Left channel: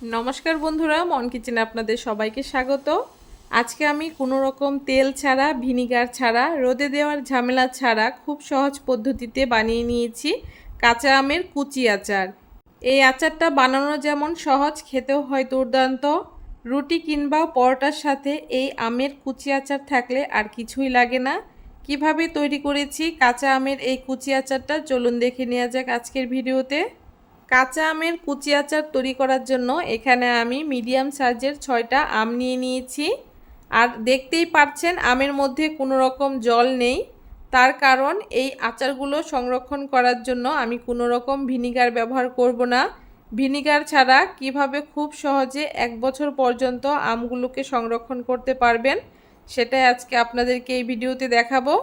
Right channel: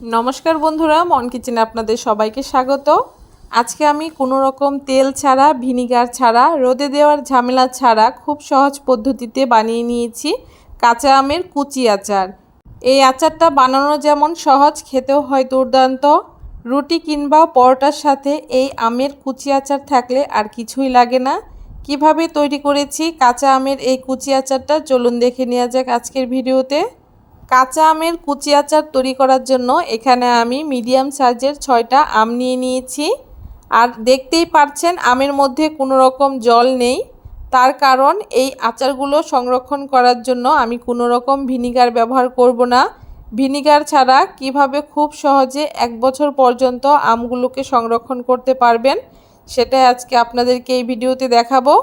নমস্কার বন্ধুরা, মন কিচেনে আপনাদের সবাইকে স্বাগত। আজকে আমি কোনো রকম তেল ছাড়া, ভিনিগার ছাড়া, রোদে দেওয়ার ঝামেলা ছাড়া খুব সহজ পদ্ধতিতে বানিয়ে নিয়েছি কাঁচা আমের কুচি আচার। এই আচারটা বানানো যেমন সহজ, খেতেও হয় দুর্দান্ত। রুটি কিংবা পরোটার সাথে এই আমের কুচি আচার থাকলে আর কিছুই লাগে না। কীভাবে তৈরি করেছি কাঁচা আমের এই কুচি আচারটা, চলুন দেখে নেওয়া যাক আজকের ভিডিওতে। কাঁচা আমের কুচি আচার তৈরি করার জন্য এখানে আমি মিডিয়াম সাইজের ছয়টা আম নিয়ে নিয়েছি। আর দেখতেই পাচ্ছেন আমের মধ্যে কোনো রকম জল নেই। তার কারণ এই আচারগুলো সংরক্ষণ করার জন্য আমি কোনো রকম ভিনিগার ব্যবহার করব না। ভিনিগার ছাড়া কীভাবে খুব সহজে এক বছর পর্যন্ত আমগুলোকে সংরক্ষণ করতে পারবেন, সেটাই আজকে আপনাদেরকে এই ভিডিওতে দেখাবো।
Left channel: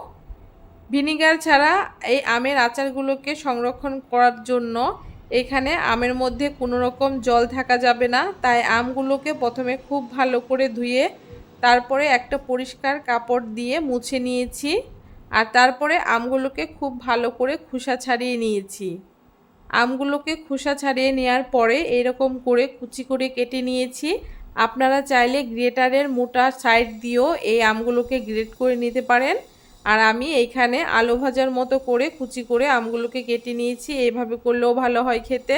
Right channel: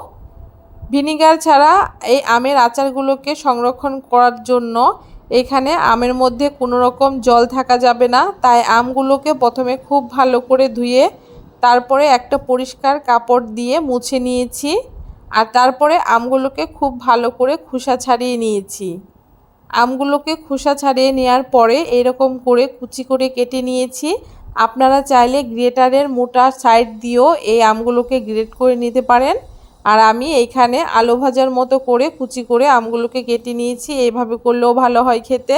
ভিনিগার ছাড়া এই আমের আচারগুলোকে সংরক্ষণ করার জন্য এখানে আমের মধ্যে কোনো রকম জল থাকা যাবে না, তাই আমগুলোকে প্রথমে খুব ভালো করে ধুয়ে তারপরে একটা পরিষ্কার কাপড় দিয়ে মুছে নিয়েছি আর তারপরে আমগুলোকে খুব ভালো করে খোসা ছাড়িয়ে নিয়েছি। আমগুলোকে খোসা ছাড়িয়ে নেওয়ার পরে এরকম করে কুচি করে কেটে নিয়েছি। আপনারা চাইলে গ্রেটারের মোটা সাইড দিয়েও এই আমগুলোকে গ্রেট করে নিতে পারেন। আর আমি এইখানে আলু ভাজার মতো করে কুচি করে আমগুলোকে কেটে নিয়েছি, এইভাবে করলেও ভালো হয় খেতে।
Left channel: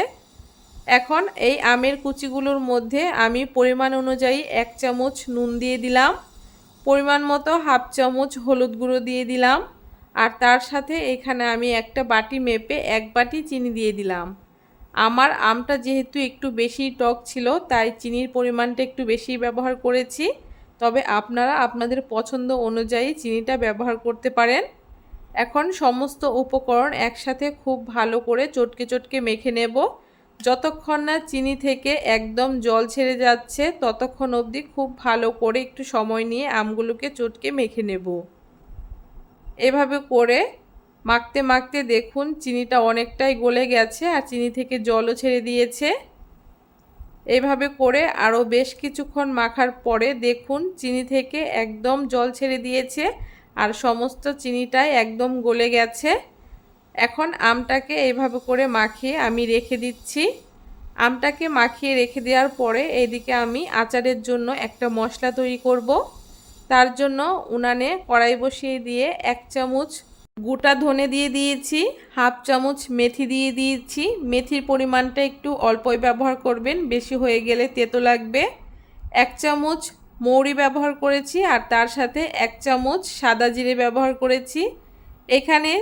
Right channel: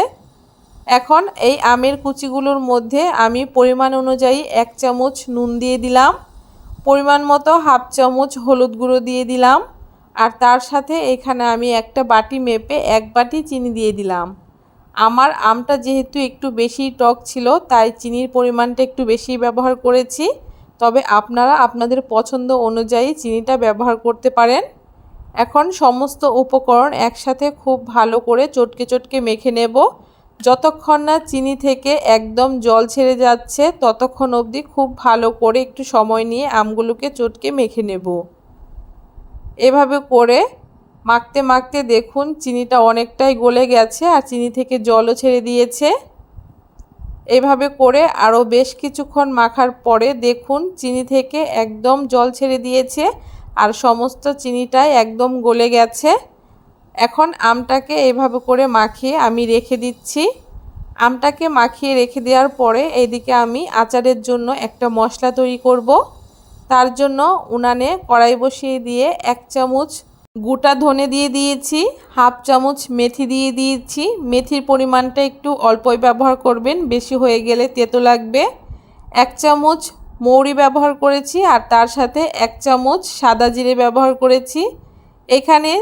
এখন এই আমের কুচিগুলোর মধ্যে আমি পরিমাণ অনুযায়ী এক চামচ নুন দিয়ে দিলাম, পরিমাণ মতো হাফ চামচ হলুদ গুঁড়ো দিয়ে দিলাম, আর তার সাথে এখানে আমি একটা বাটি মেপে এক বাটি চিনি দিয়ে দিলাম। আমার আমটা যেহেতু একটু বেশি টক ছিল, তাই চিনির পরিমাণটা একটু বেশি ব্যবহার করেছি। তবে আপনারা আপনাদের পছন্দ অনুযায়ী চিনিটা ব্যবহার করতে পারেন। এখন সমস্ত উপকরণ একসাথে খুব ভালো করে চটকে চটকে মেখে নেব। যতক্ষণ না চিনি থেকে একদম জল ছেড়ে যাচ্ছে, ততক্ষণ অবধি খুব ভালো করে একটু সময় নিয়ে আমগুলোকে চটকে মেখে নেব। এভাবে করে মাখতে মাখতে দেখুন চিনিটা অনেকটাই গলে গেছে আর চিনি থেকে জলও ছেড়ে দিয়েছে। এভাবে করে আরও বেশ কিছুক্ষণ মাখার পরে দেখুন চিনি থেকে একদম জল ছেড়ে দিয়েছে আর সমস্ত চিনিটাই একদম গলে গেছে। এখন আমটাকে এইভাবে করে মাখিয়ে আমি রেখে দিচ্ছি। আমটাকে মাখিয়ে রেখে দেওয়ার পরে এইদিকে আমি আচারের জন্য একটা মশলা তৈরি করব। তার জন্য উনানে কড়াই বসিয়ে দিয়ে এক চামচ গোটা ধনে দিয়ে দিয়েছি, হাফ চামচ মেথি দিয়ে দিয়েছি। মেথির পরিমাণটা একটু অল্পই ব্যবহার করবেন, বেশি হয়ে গেলে তেতো লাগবে। এক চামচ মৌরি ব্যবহার করেছি আর তার সাথে এক চামচ সাদা জিরে ব্যবহার করেছি। এখানে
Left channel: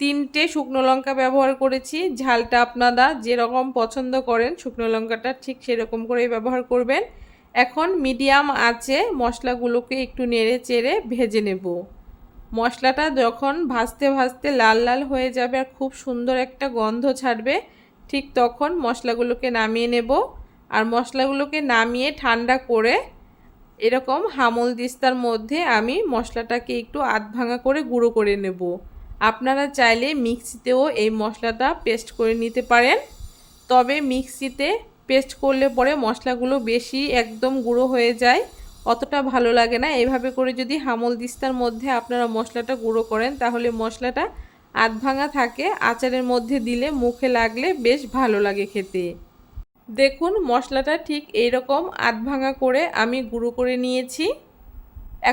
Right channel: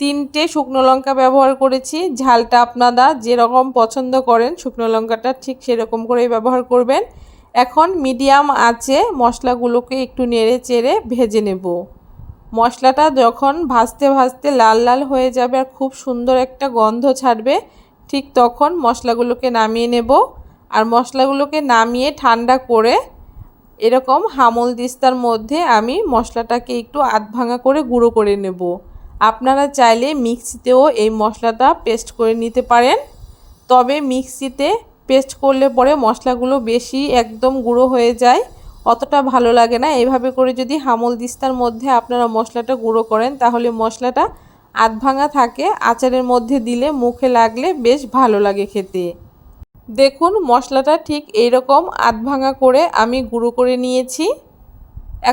তিনটে শুকনো লঙ্কা ব্যবহার করেছি, ঝালটা আপনারা যেরকম পছন্দ করেন, শুকনো লঙ্কাটা ঠিক সেরকম করেই ব্যবহার করবেন। এখন মিডিয়াম আঁচে মশলাগুলোকে একটু নেড়ে চেড়ে ভেজে নেব। মশলাটা যখন ভাজতে ভাজতে লাল লাল হয়ে যাবে আর খুব সুন্দর একটা গন্ধ ছাড়বে, ঠিক তখন মশলাগুলোকে নামিয়ে নেব। আর মশলাগুলোকে নামিয়ে ঠান্ডা করে এরকম হামল দিস্তার মধ্যে আমি মশলাটাকে একটু আধ ভাঙা করে গুঁড়ো করে নেব। আপনারা চাইলে মিক্সিতেও এই মশলাটা পেস্ট করে নিতে পারেন। তবে মিক্সিতে পেস্ট করলে পরে মশলাগুলো বেশি একদম গুঁড়ো হয়ে যায়। অতটা ভালো লাগে না। এইভাবে করে যদি হামল দিস্তার মধ্যে আপনারা মশলাটা গুঁড়ো করেন, তাহলে মশলাটা আধ ভাঙা থাকে। আচারের মধ্যে দিলে মুখে লাগলে বেশ ভালো লাগে খেতে। দেখুন, মশলাটা ঠিক এইরকম আধ ভাঙা করে আমি গুঁড়ো করে নিয়েছি।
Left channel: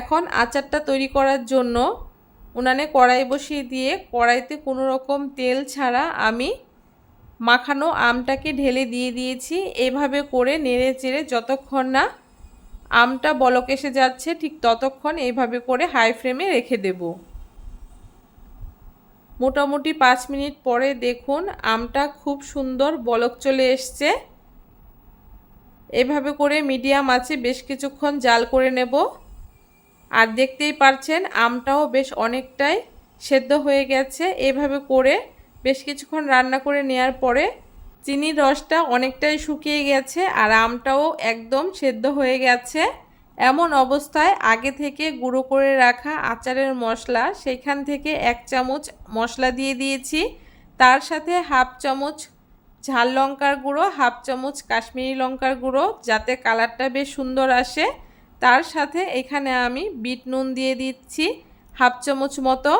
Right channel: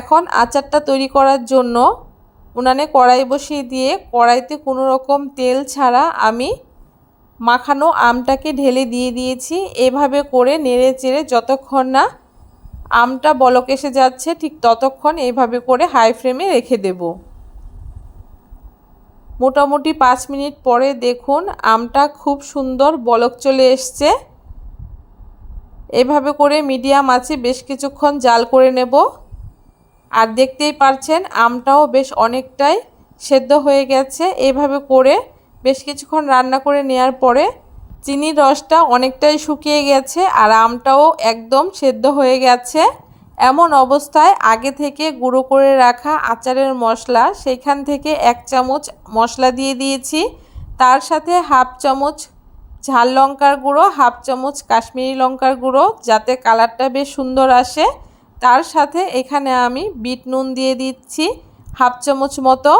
এখন আচারটা তৈরি করার জন্য উনানে কড়াই বসিয়ে দিয়ে কড়াইতে কোনো রকম তেল ছাড়া আমি মাখানো আমটাকে ঢেলে দিয়ে দিয়েছি। এভাবে করে নেড়ে চেড়ে যতক্ষণ না আমটা বলক এসে যাচ্ছে, ঠিক ততক্ষণ এইভাবে করে হাই ফ্লেমে রেখে দেব। মোটামুটি পাঁচ মিনিট পরে দেখুন আমটা খুব সুন্দর বলক চলে এসছে। এভাবে করে মিডিয়াম আছে, বেশ কিছুক্ষণ জাল করে নেব। আর দেখতেই পারছেন আমটাও বেশ অনেকটাই সেদ্ধ হয়ে গেছে। এভাবে করে বেশ কিছুক্ষণ রান্না করে নেওয়ার পরে চিনির রসটা অনেকটাই শুকিয়ে গেছে আর আমটাও একদম সেদ্ধ হয়ে গেছে। এমন অবস্থায় আগে থেকে গুঁড়ো করে রাখা আচারের মশলা, সেখান থেকে এক চামচ মশলা দিয়ে দিয়েছি। তার সাথে হাফ চামচ ঝাল লঙ্কার গুঁড়ো, হাফ চামচ কাশ্মীরি লঙ্কার গুঁড়ো, যাতে কালারটা বেশ সুন্দর আসে। তার সাথে এখানে আমি বিট নুন দিয়ে দিচ্ছি, হাফ চামচ মতো।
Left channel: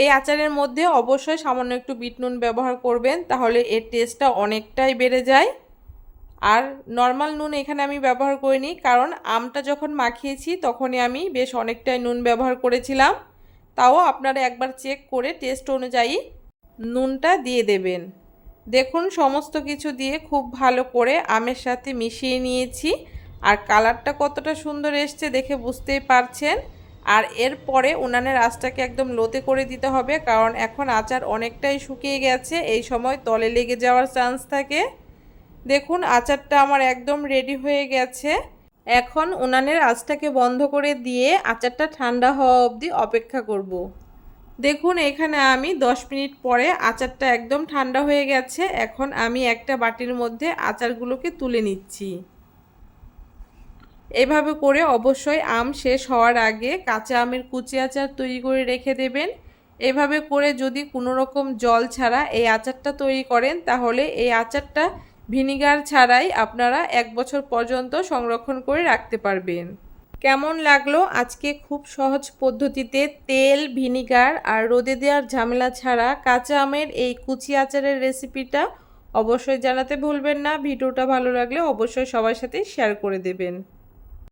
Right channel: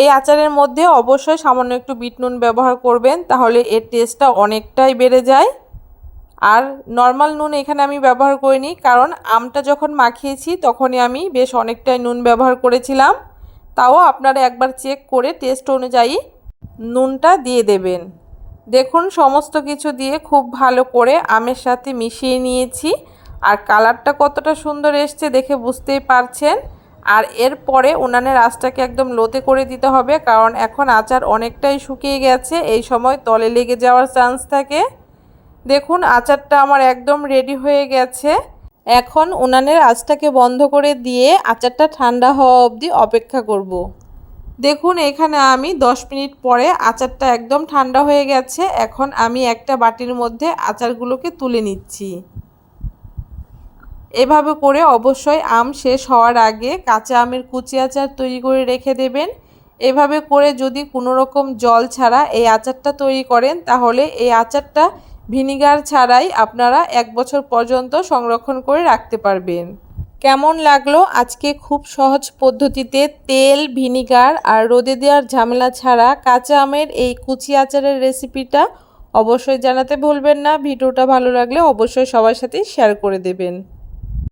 এই আচারের মধ্যে অবশ্যই সামান্য একটু বিট নুন ব্যবহার করবেন, তাহলে এর টেস্টটা অনেকটাই বেড়ে যায়। আর নর্মাল নুন এখানে আমি ব্যবহার করিনি, কারণ আমটা যখন মাখিয়েছি তখনই আমি বেশ অনেকটাই নুন ব্যবহার করেছিলাম। তাও আপনারা একবার চেক করে টেস্ট অনুযায়ী নুনটা দিয়ে দেবেন। দেখুন, সমস্ত কিছু দিয়ে খুব ভালো করে আমের সাথে মিশিয়ে নিয়েছি। আর কালারটা কতটা সুন্দর এসছে দেখে বুঝতেই পারছেন। আর এরপরে উনানের আঁচটাকে একদম লোতে করে দিতে হবে, কারণ এখন আচার অনেকটাই শুকিয়ে গেছে, এই সময় তলে লেগে যাওয়ার চান্স থাকে। দেখুন, আচারটা আমার একদম রেডি হয়ে গেছে। এখন উনানের আঁচটাকে বন্ধ করে দিয়ে আচারটা ঠান্ডা হওয়া অবধি অপেক্ষা করব। দেখুন, এখানে আমি 10 মিনিট পরে আচারটা একদম ঠান্ডা হয়ে গেছে, এখন আমি একটা বাটির মধ্যে আচারগুলোকে তুলে নিচ্ছি। এভাবে করে অবশ্যই আম শেষ হওয়ার আগে কাঁচা আমের কুচি আচার তৈরি করে রেখে দেবেন। এভাবে করে যদি কোনো রকম জল ছাড়া এই আচারটা তৈরি করেন, তাহলে এই আচারটা ভিনিগার ছাড়াই আপনারা এক বছর পর্যন্ত সংরক্ষণ করে রাখতে পারবেন। কেমন লাগল আজকে খুব সহজ পদ্ধতিতে তেল, ভিনিগার আর রোদে দেওয়ার ঝামেলা ছাড়া কাঁচা আমের এই কুচি আচারের রেসিপিটা অবশ্যই জানাতে ভুলবেন না। ভিডিওটা ভালো লাগলে অবশ্যই সবার সাথে শেয়ার করে দেবেন।